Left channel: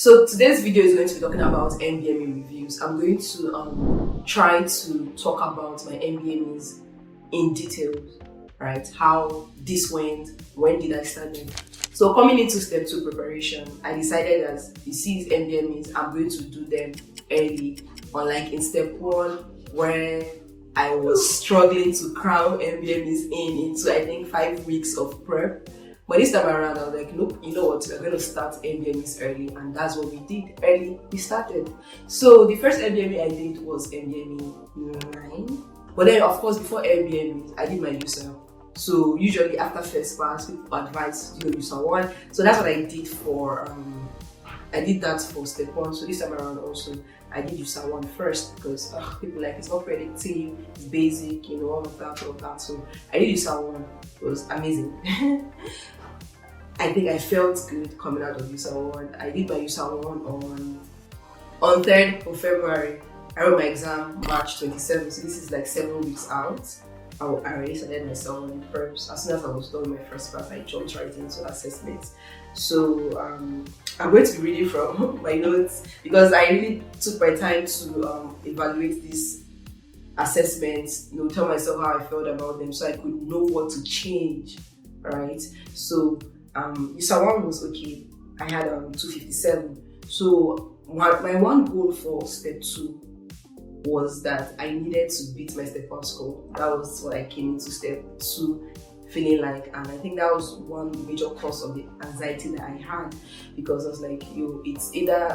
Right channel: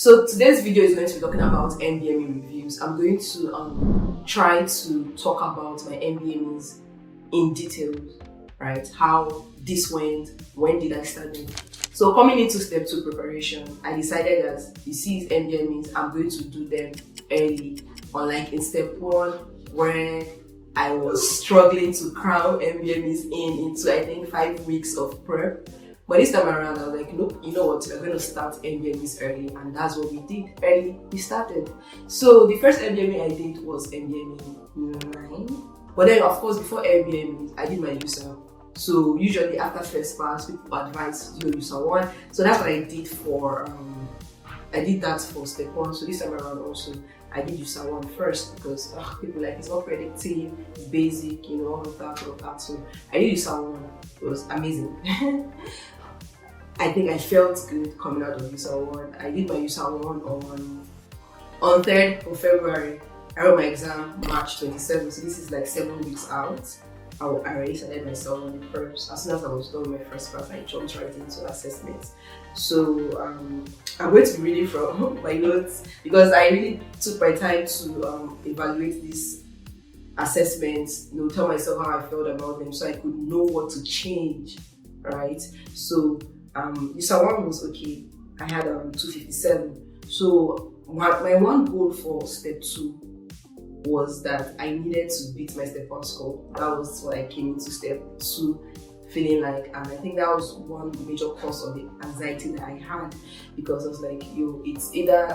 So today's video is going to be talking about NBME reviews. I'm going to try to talk about my NBMEs in details, right? How this went, when did I start them? So coming into step 2 preparation, I decided that you see these NBMEs, I'm going to do them early. Unlike in step 1, where I was struggling to cram NBMEs into I think 5 weeks of prep. But this time around, I was like, nope, you know what, we're going to start NBMEs early, and that's what we did. Early, we started. So the first NBME I did was NBME 9. But then, of course, before NBME, I did my USMLE. So usually after first pass, people advise do USMLE 1. So that's what I did for, I did that for step 1. So this time around also, I did USMLE 1 first because people like it's not predictive, it's basic, you know, all of that. So I did USMLE 1. It was amazing. I think I felt good coming out of USMLE 1. I did my USMLE 1 on 3rd of February. I wrote my exam March 27th, so this is like 7 weeks out. I already started my USMLE 1 preps. As soon as I was done with my first class, I jumped right into assessments. So I'm going to be reading from my notes because I really took my time to evaluate these assessments, you know, tell myself how I felt about them so I could know what to change, right? So USMLE 1 was okay. I had 257. So my one goal for step 2 was that I needed to beat my step 1 score. That was what I came into step 2 feeling like, and I think that was one major cause of the anxiety that I had, because I was like, yo, it's either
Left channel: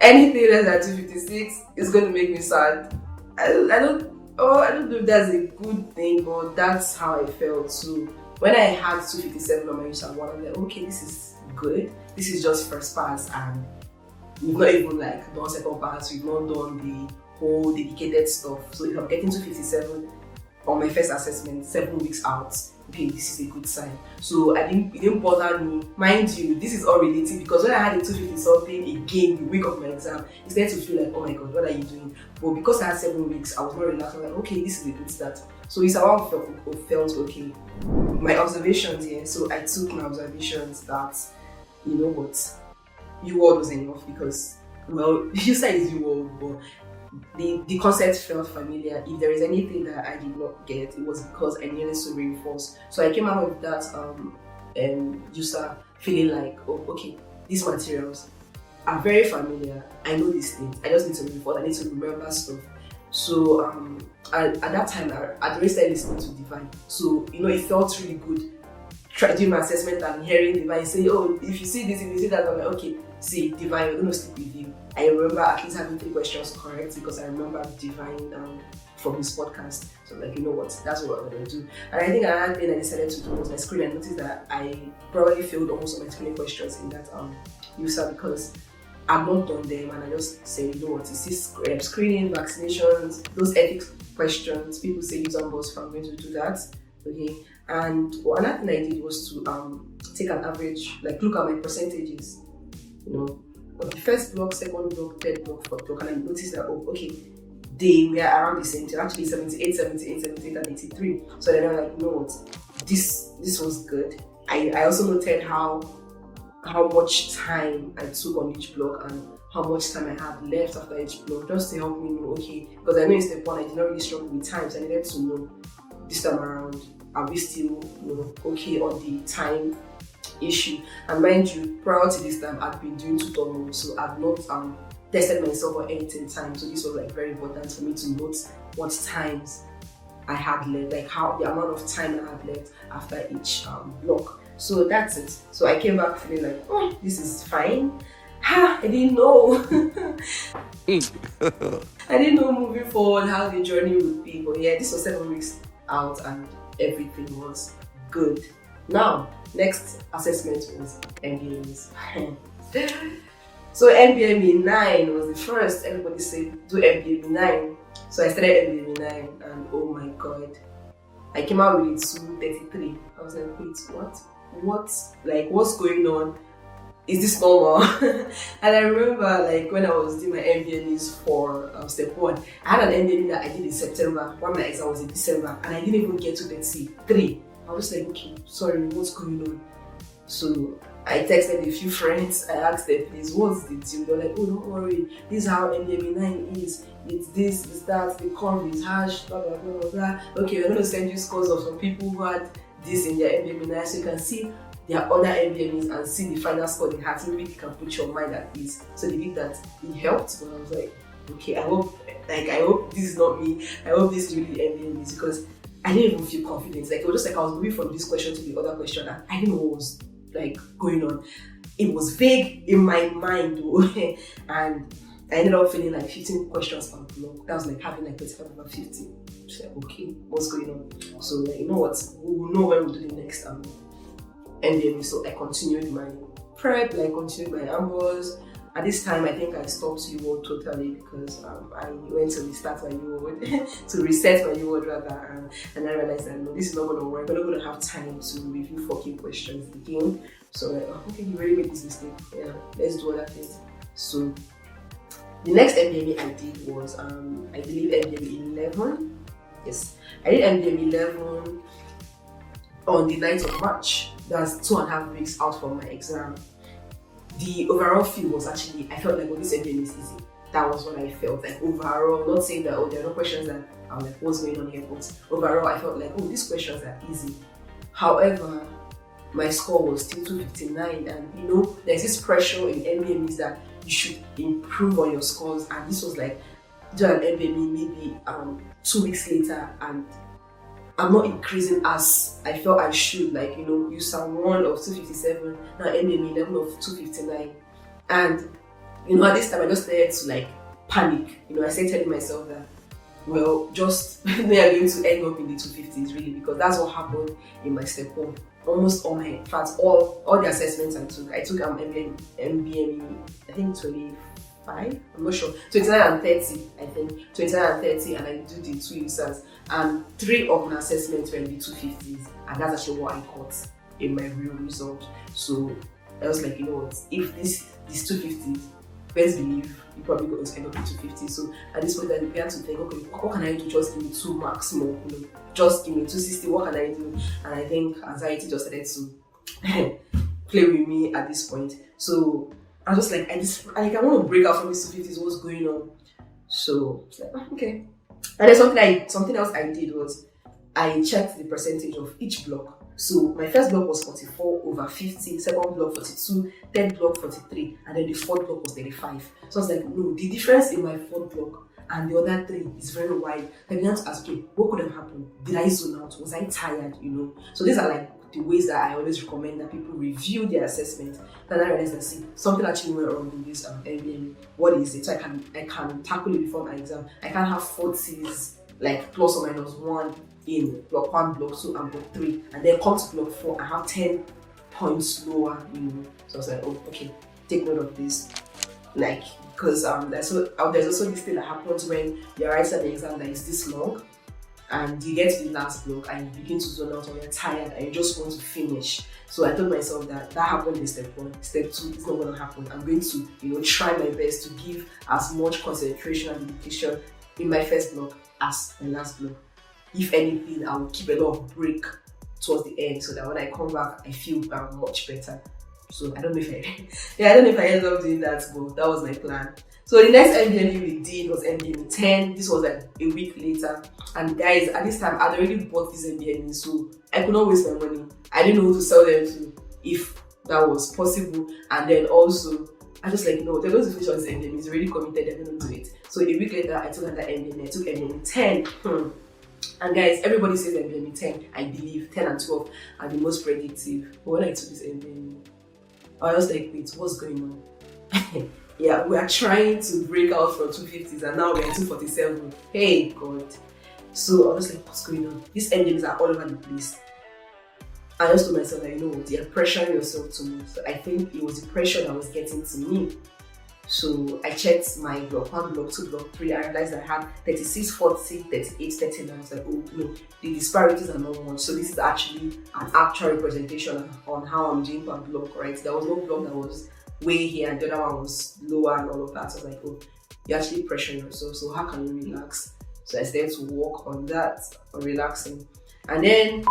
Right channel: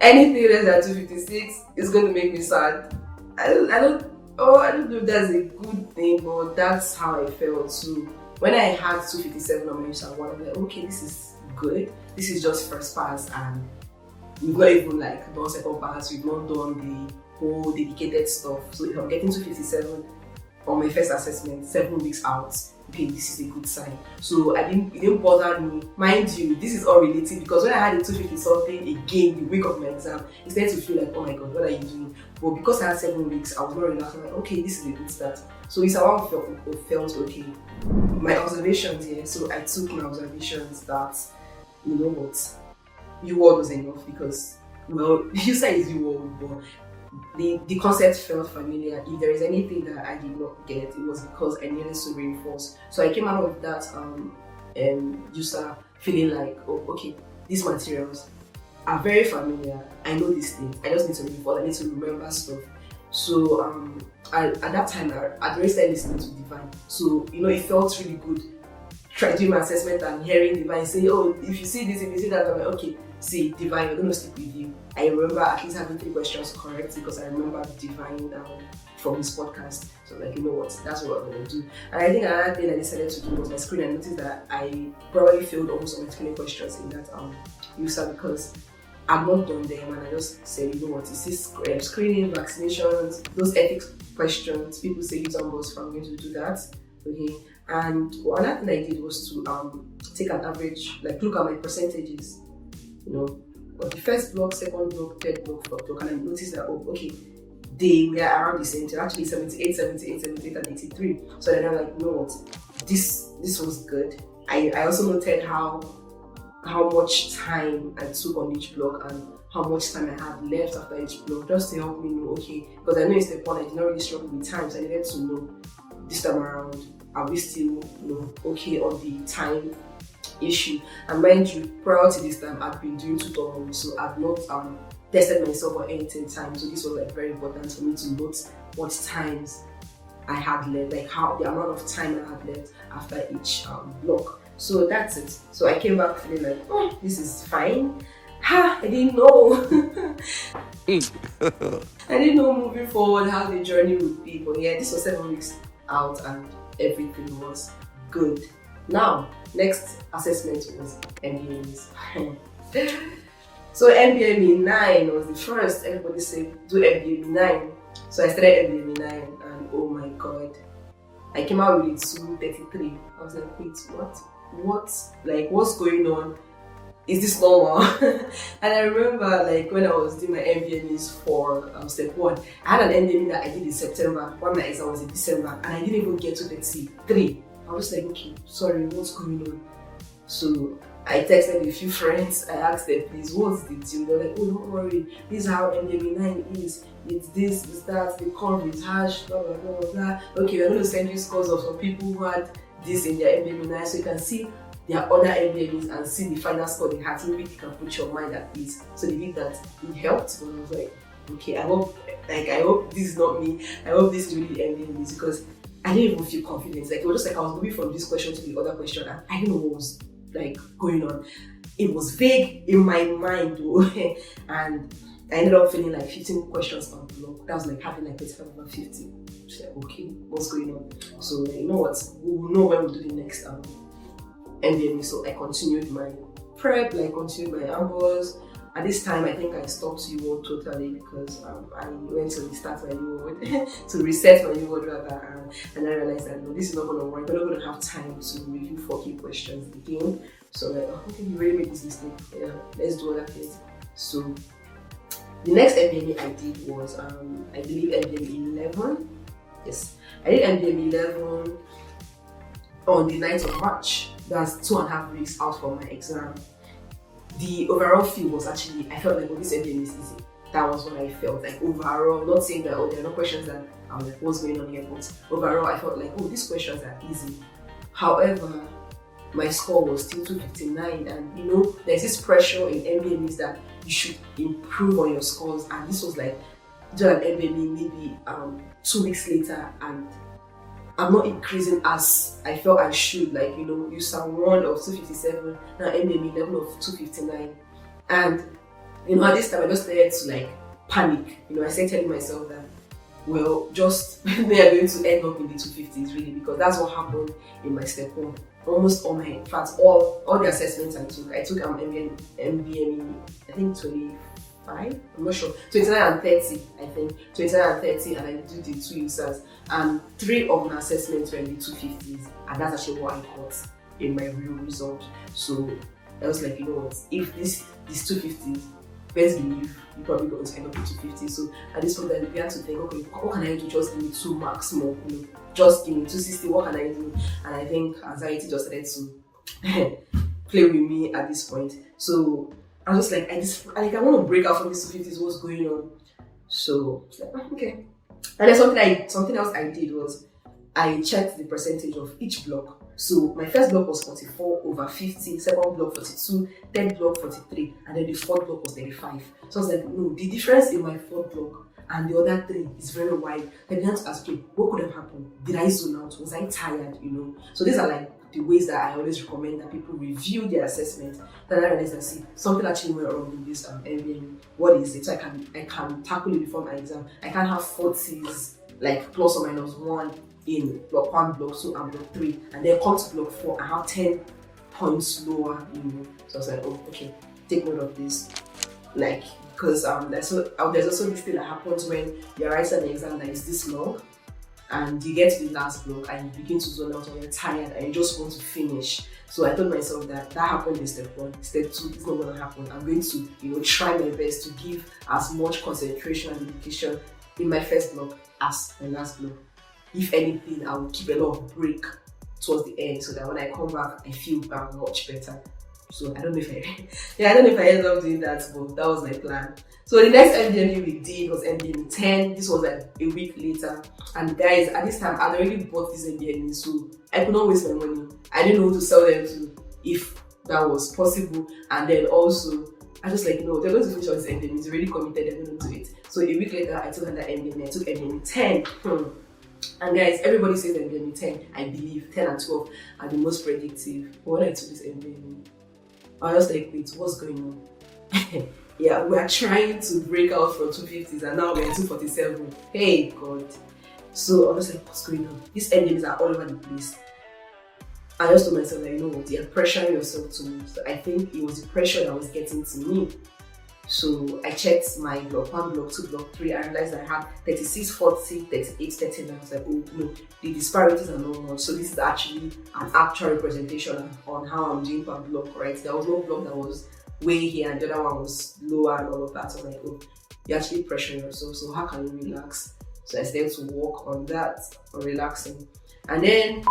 anything less than 256 is going to make me sad. I don't know if that's a good thing, but that's how I felt. So when I had 257 on my USMLE 1, I'm like, okay, this is good. This is just first pass, and we've not even like done second pass. We've not done the whole dedicated stuff. So if I'm getting 257 on my first assessment 7 weeks out, okay, this is a good sign. So it didn't bother me. Mind you, this is all relative, because when I had a 250 something again the week of my exam, it started to feel like, oh my god, what are you doing? But because I had 7 weeks, I was not relaxed. I'm like, okay, this is a good start. So USMLE 1 felt okay. My observations here, so I took my observations that, you know what, UWorld was enough, because, well, you say it's UWorld, but the concept felt familiar. If there is anything that I did not get, it was because I needed to reinforce. So I came out of that USMLE feeling like, oh, okay, these materials are very familiar. I know these things. I just need to reinforce. I need to remember stuff. So at that time, I'd already started listening to Divine. So, you know, it felt really good doing my assessment and hearing Divine say, oh, if you see this, if you see that, I'm like, okay, see, Divine, we're going to stick with you. I remember at least having 3 questions correct because I remember Divine from his podcast. So like, you know what, that's what we're going to do. And I think another thing I decided to do was my screen. I noticed that I probably failed almost all my screening questions in that USMLE because I'm not done them, and I just said, you know what, it's this screening, vaccinations, those ethics questions. People say use numbers, so I'm going to do that. Okay. And another thing I did was to take an average, like look at my percentages, you know, of the first block, second block, third block, fourth block, and I noticed that, oh, okay, they were around the same time, actually 78, 78, 78, and 83. So then I'm like, you know what, this was good. I also noted how much time I took on each block and how much time I had left after each block, just to help me know, okay, because I know in step 1 I did not really struggle with time, so I needed to know this time around, are we still, you know, okay on the time issue. And mind you, prior to this time, I'd been doing tutorials, so I've not tested myself or anything time. So this was like very important for me to note what times I had left, like how the amount of time I had left after each block. So that's it. So I came back feeling like, oh, this is fine. I didn't know. I didn't know moving forward how the journey would be. But yeah, this was 7 weeks out and everything was good. Now, next assessment was NBMEs. So NBME 9 was the first. Everybody said do NBME 9. So I started NBME 9 and oh my god, I came out with it 233. I was like, wait, what? Like, what's going on? Is this normal? And I remember like when I was doing my NBMEs for step 1, I had an NBME that I did in September while my exam was in December, and I didn't even get to 33. I was like, okay, sorry, what's going on? So I texted a few friends, I asked them, please, what's the deal? They're like, oh, don't worry, this is how NBME 9 is. It's this, it's that, the curve is harsh, blah, blah, blah, blah, blah. Okay, we're going to send you scores of some people who had this in their NBME 9 so you can see their other NBMEs and see the final score they had, so maybe you can put your mind at ease. So they did that. It helped, but I was like, okay, I hope this is not me. I hope this is really the NBMEs, because I didn't even feel confident. Like, it was just like I was moving from this question to the other question, and I didn't know what was like going on. It was vague in my mind though. And I ended up feeling like 15 questions per block. That was like having like 25 over 50. So like, okay, what's going on? So like, you know what, we will know when we do the next NBME. So I continued my prep, like continued my ambos. At this time, I think I stopped UWorld totally, because I went to restart my UWorld, to reset my UWorld rather, and I realized that no, this is not going to work. We're not going to have time to review 40 questions again. So like, oh, okay, you really made this mistake. Yeah, let's do other things. So the next NBME I did was, I believe NBME 11. Yes, I did NBME 11 on the 9th of March. That's 2.5 weeks out from my exam. The overall feel was actually, I felt like, oh, this NBME is easy. That was what I felt like overall. Not saying that, oh, there are no questions that I'm like, what's going on here, but overall I felt like, oh, these questions are easy. However, my score was still 259, and you know, there's this pressure in NBMEs that you should improve on your scores, and this was like, do an NBME maybe 2 weeks later, and I'm not increasing as I felt I should. Like, you know, you saw 1 of 257, now NBME 11 of 259. And, you know, at this time I just started to like panic. You know, I started telling myself that, well, just they are going to end up in the 250s really, because that's what happened in my step 1. Almost all my, in fact, all the assessments I took NBME, I think 25, I'm not sure, 29 and 30, I think, 29 and 30, and I do the 2 users, and 3 of my assessments were in the 250s, and that's actually what I got in my real result. So I was like, you know what, if this 250s, best believe you're probably going to end up in 250. So at this point I began to think, okay, what can I do? Just give me 2 marks more, you know, just give me 260, what can I do? And I think anxiety just started to play with me at this point. So I was just like, I want to break out from these 250s, what's going on? So I was like, oh, okay. And then something else I did was I checked the percentage of each block. So my first block was 44 over 50, second block 42, third block 43, and then the fourth block was 35. So I was like, no, the difference in my fourth block and the other 3 is very wide. I began to ask, okay, what could have happened? Did I zone out? Was I tired? You know? So these are like the ways that I always recommend that people review their assessment. Then I realized that, see, something actually went wrong in this NBME. What is it? So I can tackle it before my exam. I can't have 40s like plus or minus 1 in block 1, block 2, and block 3, and then come to block 4 and have 10 points lower, you know. So I was like, oh, okay, take note of this. Like, because there's also this thing that happens when you're writing an exam that is this long, and you get to the last block and you begin to zone out, or you're tired and you just want to finish. So I told myself that happened in step 1. Step 2, it's not going to happen. I'm going to, you know, try my best to give as much concentration and dedication in my first block as my last block. If anything, I will keep a lot of break towards the end, so that when I come back, I feel much better. So I don't know if I ended up doing that, but that was my plan. So the next NBME we did was NBME 10. This was like a week later. And guys, at this time, I'd already bought this NBME, so I could not waste my money. I didn't know who to sell them to if that was possible. And then also, I just like, no, they're going to finish on this NBME. It's already committed, they're going to do it. So a week later, I took another NBME. I took NBME 10. And guys, everybody says NBME 10, I believe 10 and 12 are the most predictive. But when I took this NBME, I was like, wait, what's going on? Yeah, we are trying to break out from 250s and now we're at 247. Hey, God. So I was like, what's going on? These NBMEs are all over the place. I just told myself that, you know what, you're pressuring yourself too much. So I think it was the pressure that was getting to me. So I checked my block 1, block 2, block 3. I realized I had 36, 40, 38, 39. I was like, oh no, the disparities are not much. So this is actually an actual representation on how I'm doing per block, right? There was no block that was way here and the other one was lower and all of that. So I was like, oh, you're actually pressuring yourself. So how can you relax? So I started to work on that, on relaxing. And then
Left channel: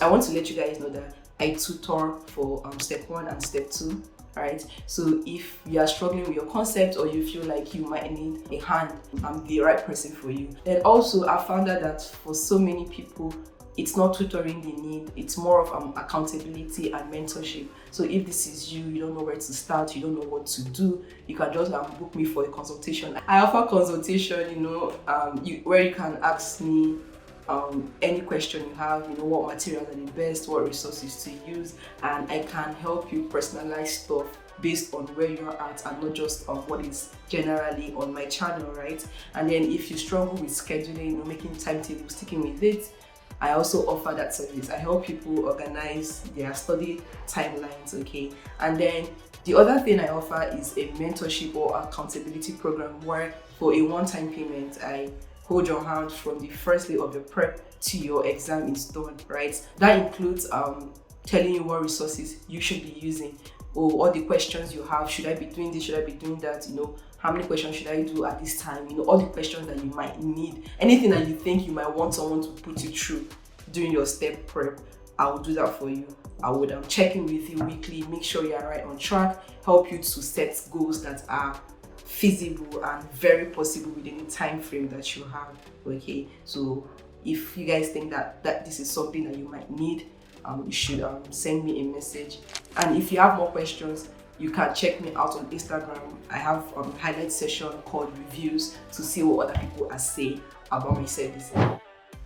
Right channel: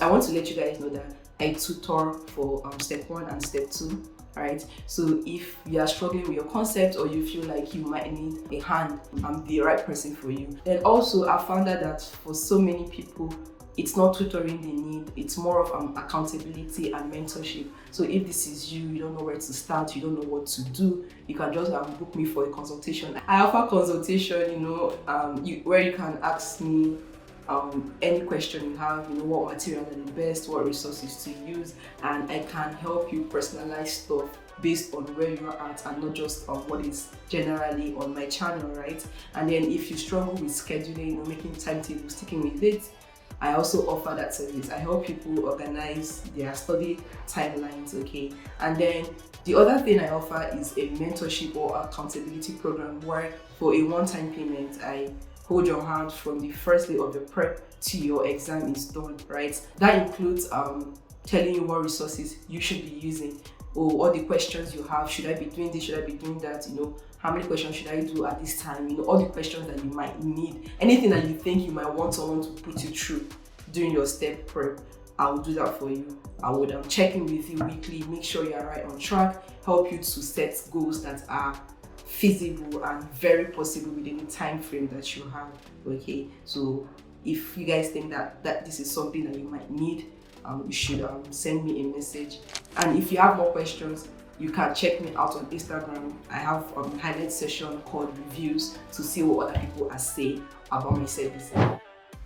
I want to let you guys know that I tutor for step 1 and step 2. Right, so if you are struggling with your concept or you feel like you might need a hand, I'm the right person for you. Then also I found out that for so many people, it's not tutoring they need, it's more of accountability and mentorship. So if this is you, you don't know where to start, you don't know what to do, you can just book me for a consultation. I offer consultation, where you can ask me any question you have, what materials are the best, what resources to use, and I can help you personalize stuff based on where you're at and not just on what is generally on my channel, right? And then if you struggle with scheduling, making timetables, sticking with it, I also offer that service. I help people organize their study timelines, okay? And then the other thing I offer is a mentorship or accountability program where for a one-time payment, I hold your hand from the first day of your prep to your exam is done, right? That includes telling you what resources you should be using, or all the questions you have. Should I be doing this? Should I be doing that? How many questions should I do at this time? All the questions that you might need. Anything that you think you might want someone to put you through during your step prep, I will do that for you. I would check in with you weekly, make sure you are right on track, help you to set goals that are feasible and very possible within the time frame that you have. Okay, so if you guys think that this is something that you might need, you should send me a message. And if you have more questions, you can check me out on Instagram. I have a highlight session called reviews to see what other people are saying about my services.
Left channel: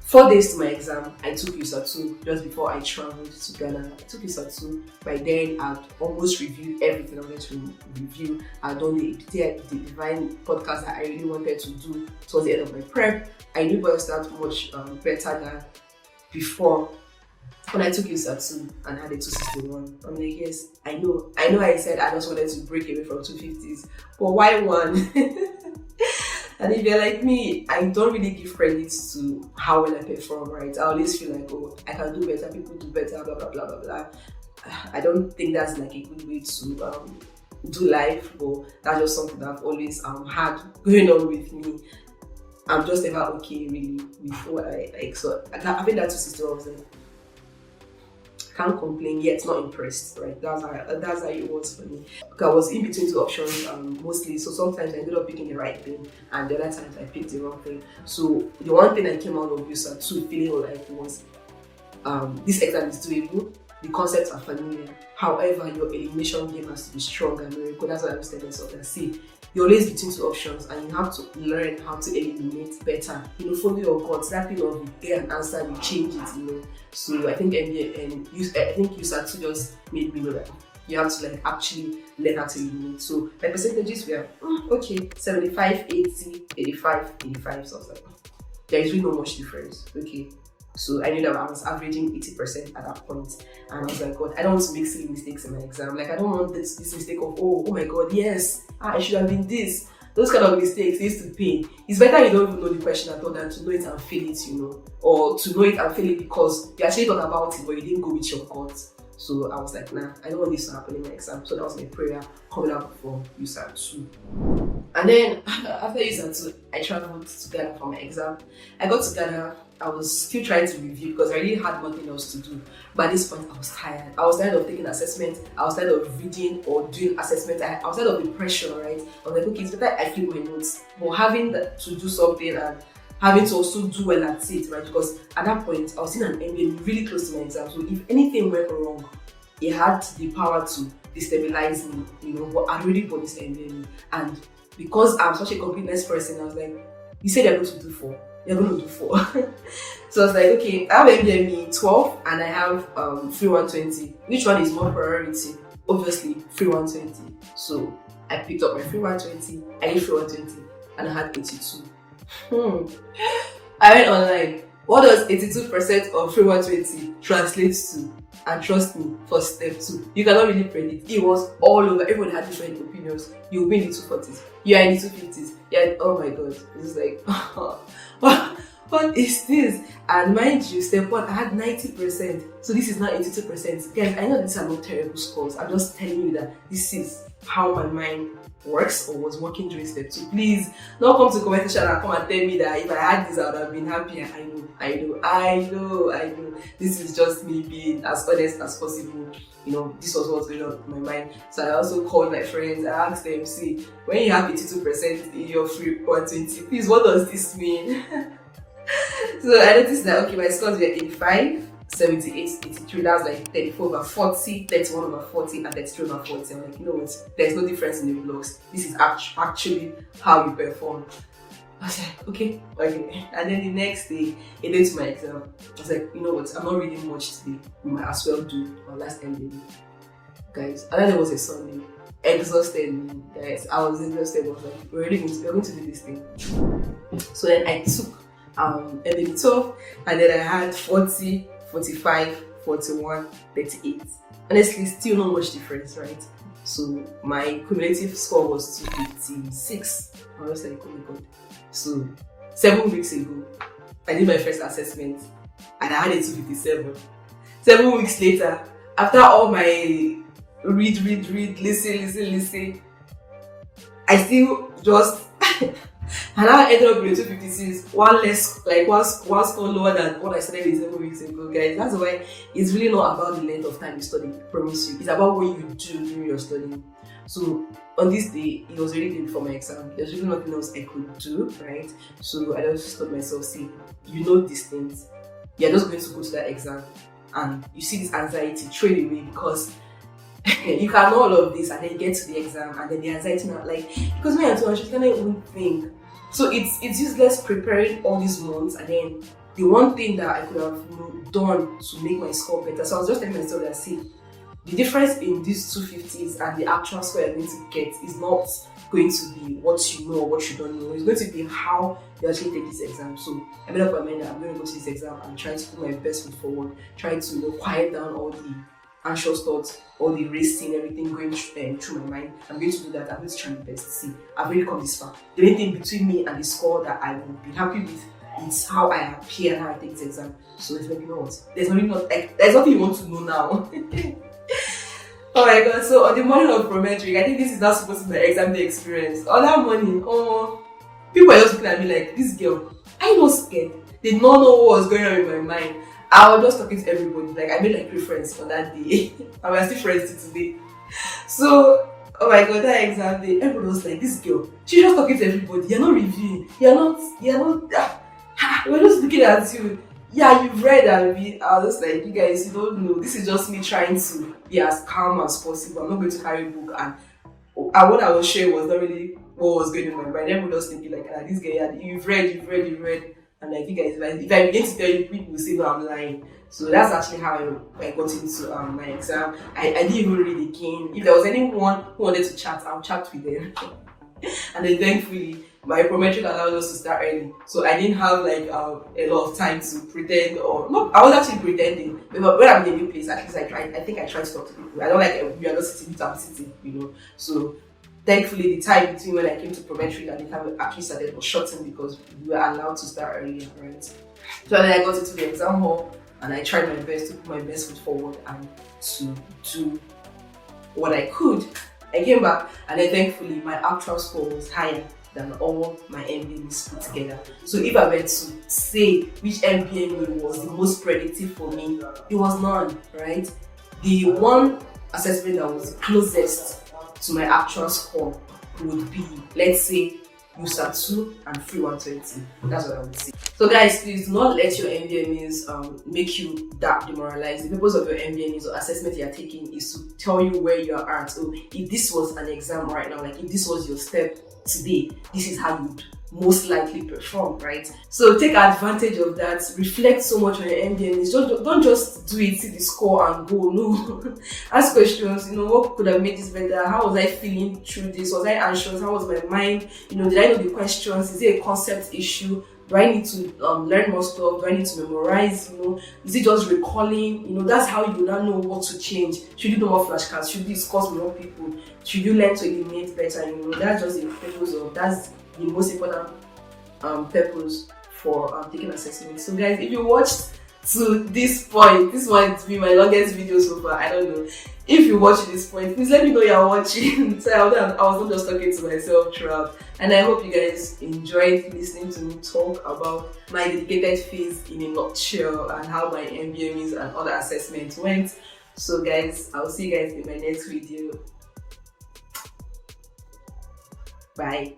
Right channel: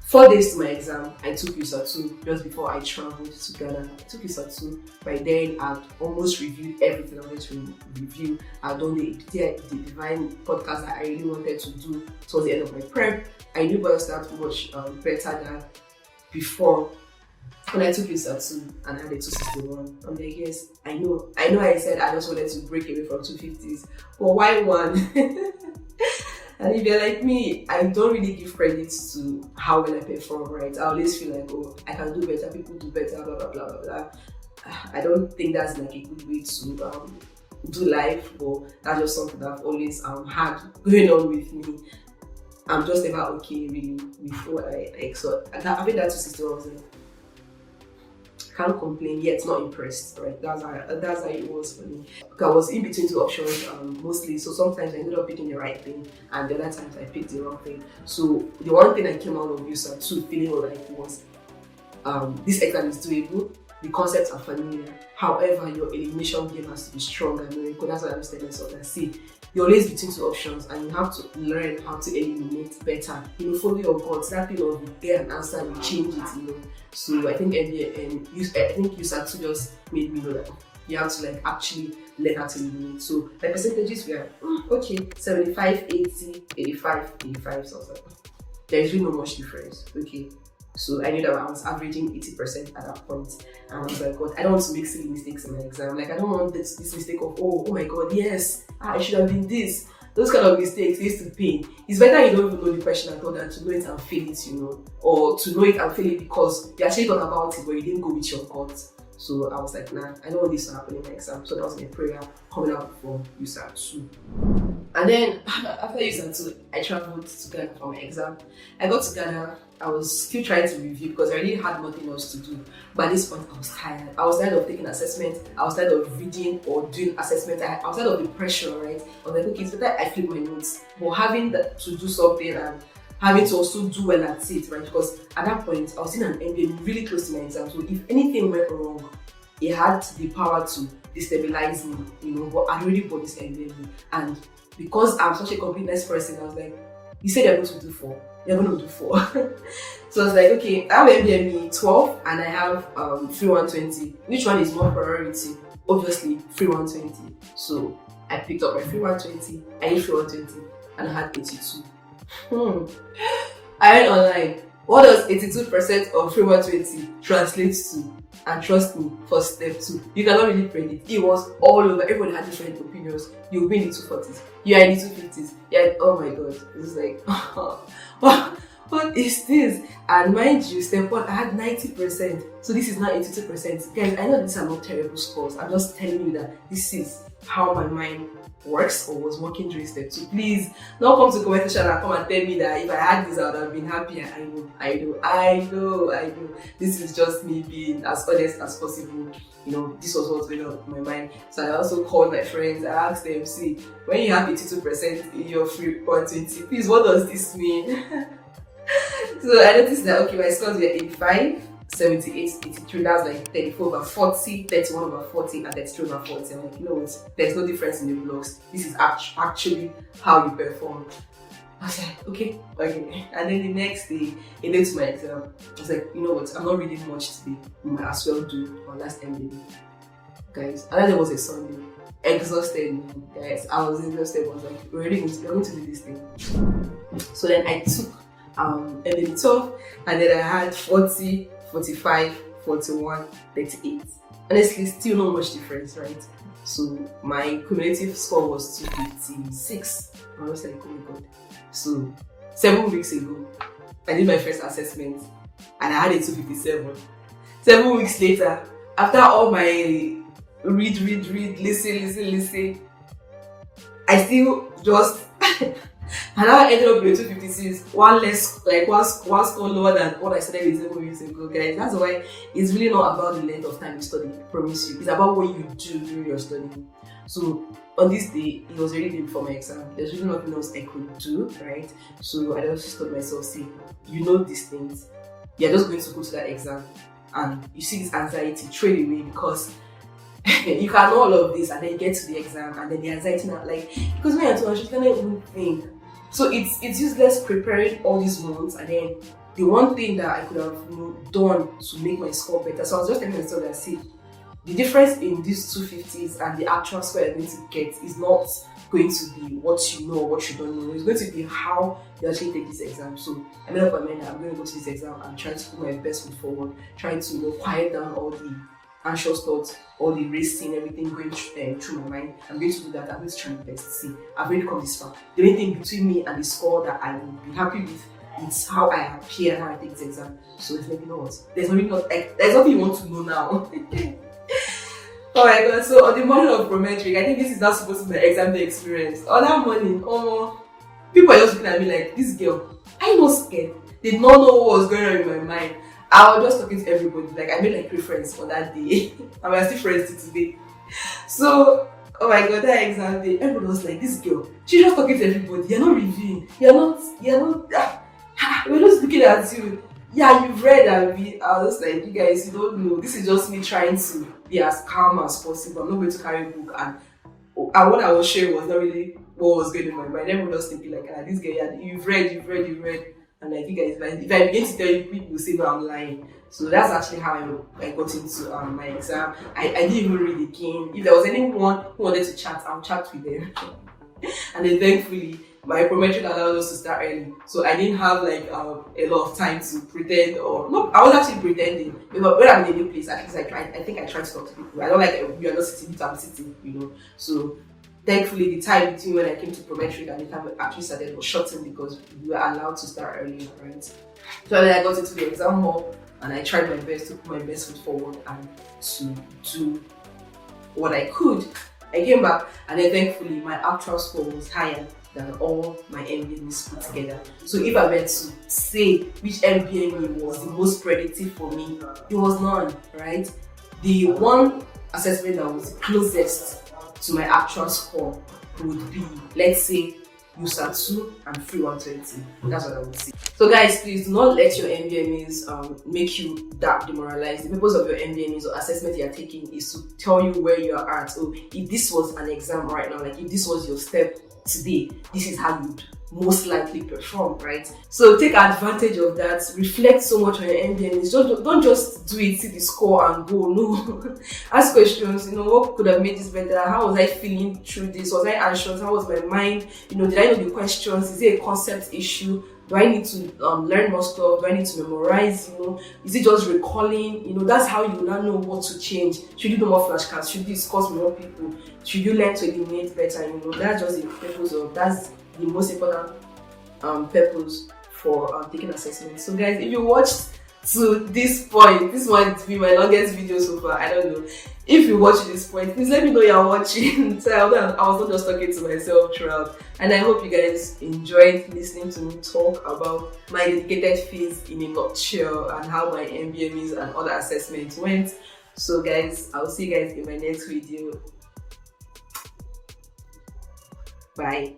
4 days to my exam, I took USA 2 just before I traveled to Ghana. I took USA 2. By then, I'd almost reviewed everything I wanted to review. I'd done the divine podcast that I really wanted to do towards the end of my prep. I knew by that much better than before. When I took USA 2 and I had a 261, I'm like, yes, I know I said I just wanted to break away from 250s, but why 1? And if you're like me, I don't really give credit to how well I perform, right? I always feel like, oh, I can do better, people do better, blah, blah, blah, blah, blah. I don't think that's like a good way to do life, but that's just something that I've always had going on with me. I'm just never okay, really, with what I like. So having that 260, I was like, can't complain yet, not impressed, right? That's how it was for me. I was in between 2 options mostly, so sometimes I ended up picking the right thing and the other times I picked the wrong thing. So the one thing I came out of USA 2 feeling like was this exam is doable, the concepts are familiar, however your elimination game has to be strong and numerical. That's what I was telling myself. That see, you're always between 2 options and you have to learn how to eliminate better. Follow your guts. That thing of you get an answer, you change it, So I think USA 2 just made me know that you have to actually learn how to eliminate. So my percentages were okay, 75, 80, 85, 85. So I was like, there is really not much difference. Okay. So I knew that I was averaging 80% at that point. And I was like, God, I don't want to make silly mistakes in my exam. I don't want this mistake of, oh my God, yes, I should have been this. Those kind of mistakes used to pain. It's better you don't even know the question at all than to know it and fail it, or to know it and fail it because you actually thought about it but you didn't go with your gut. So I was like, nah, I don't want this to happen in my exam. So that was my prayer coming out from USA 2. And then after USA 2, I traveled to Ghana for my exam. I got to Ghana. I was still trying to review because I really had nothing else to do. But at this point, I was tired. I was tired of taking assessment. I was tired of reading or doing assessment. I was tired of the pressure, right? I was like, okay, it's better I flip my notes. But having to do something and having to also do well at it, right? Because at that point, I was in an NBME really close to my exam. So if anything went wrong, it had the power to destabilize me, but I already bought this NBME. And because I'm such a completeness person, I was like, you said you're going to do 4. You're going to do 4. So I was like, okay, I have NBME 12 and I have free 120. Which one is more priority? Obviously, free 120. So I picked up my free 120, I did free 120, and I had 82. I went online. What does 82% of free 120 translate to? And trust me, for step 2, you cannot really predict. It was all over. Everyone had different opinions. You'll be in the 240s. You are in the 250s. Yeah, oh my God. It was like, what is this? And mind you, step 1, I had 90%. So this is now 82%. Guys, I know these are not terrible scores. I'm just telling you that this is how my mind works or was working during step 2. Please don't come to comment section and come and tell me that if I had this I would have been happier. I know. This is just me being as honest as possible. This was what's going on in my mind. So I also called my friends. I asked them, see, when you have 82% in your free 120, please, what does this mean? So I noticed that, okay, my scores were 85, 78, 83, that's like 34 over 40, 31 over 40, and 33 over 40. I'm like, you know what, there's no difference in the blocks. This is actually how you perform. I was like, okay. And then the next day, a day to my exam, I was like, you know what, I'm not reading much today. We might as well do our last NBME. Guys, and then there was a Sunday. Exhausted me, guys. I was exhausted. I was like, we're going to do this thing. So then I took NBME 12, and then I had 40, 45, 41, 38. Honestly, still not much difference, right? So my cumulative score was 256. I was like, oh my god. So 7 weeks ago, I did my first assessment and I had a 257. 7 weeks later, after all my read, listen, I still just and I ended up with 256, one score lower than what I started with 7 weeks ago, guys. That's why it's really not about the length of time you study, I promise you. It's about what you do during your studying. So on this day, it was really day before my exam. There's really nothing else I could do, right? So I just told myself, see, you know these things. You're just going to go to that exam and you see this anxiety trade away because you can know all of this and then you get to the exam and then the anxiety not like, because when you're too anxious, you can't even think. So it's useless preparing all these months and then the one thing that I could have done to make my score better. So I was just telling myself that, see, the difference in these 250s and the actual score you're going to get is not going to be what you know or what you don't know. It's going to be how you actually take this exam. So I made up my mind that I'm going to go to this exam and try to put my best foot forward, try to quiet down all the anxious thoughts, all the racing, everything going through my mind. I'm going to do that. I'm going to try my best. See, I've already come this far. The only thing between me and the score that I will be happy with is how I appear and how I take this exam. So it's like, you know what? There's nothing you want to know now. Oh my god. So on the morning of prometric, I think this is not supposed to be my exam day experience. On that morning, people are just looking at me like, this girl, are you not scared? They don't know what was going on in my mind. I was just talking to everybody. Like, I made like 3 friends on that day. And we're still friends till today. So, oh my god, that exam day, everybody was like, this girl, she's just talking to everybody. You're not reviewing. We're just looking at you. Yeah, you've read and I was just like, you guys, you don't know. This is just me trying to be as calm as possible. I'm not going to carry a book and what I was sharing was not really what was going on in my mind. Everyone was thinking like, this guy, yeah, you've read. And like, you guys, if I begin to tell you, people will say, no, I'm lying. So that's actually how I got into my exam. I didn't even read again. If there was anyone who wanted to chat, I'll chat with them. And then thankfully, my prometric allowed us to start early. So I didn't have like a lot of time to pretend I was actually pretending. But when I'm in a new place, at least I think I try to talk to people. I don't like, we are not sitting, I'm sitting, So thankfully, the time between when I came to prometric and the time we actually started was shortened because we were allowed to start early, right? So then I got into the exam hall and I tried my best to put my best foot forward and to do what I could. I came back and then thankfully my actual score was higher than all my NBMEs put together. So if I were to say which NBME was the most predictive for me, it was none, right? The one assessment that was closest to my actual score would be, let's say, USMLE 2 and free 120. That's what I would say. So guys, please do not let your NBMEs make you that demoralized. The purpose of your NBMEs or assessment you are taking is to tell you where you are at. So if this was an exam right now, like if this was your step today, this is how you would most likely perform, right? So take advantage of that. Reflect so much on your NBMEs. Don't just do it, see the score and go. No. Ask questions, what could have made this better? How was I feeling through this? Was I anxious? How was my mind? Did I know the questions? Is it a concept issue? Do I need to learn more stuff? Do I need to memorize? Is it just recalling? That's how you now know what to change. Should you do more flashcards? Should you discuss with more people? Should you learn to eliminate better? That's just the purpose of, that's the most important purpose for taking assessments. So guys, if you watched to this point. This might be my longest video so far. I don't know. If you watch this point, please let me know you're watching. So I was not just talking to myself throughout. And I hope you guys enjoyed listening to me talk about my dedicated phase in a nutshell and how my NBMEs and other assessments went. So guys, I'll see you guys in my next video. Bye.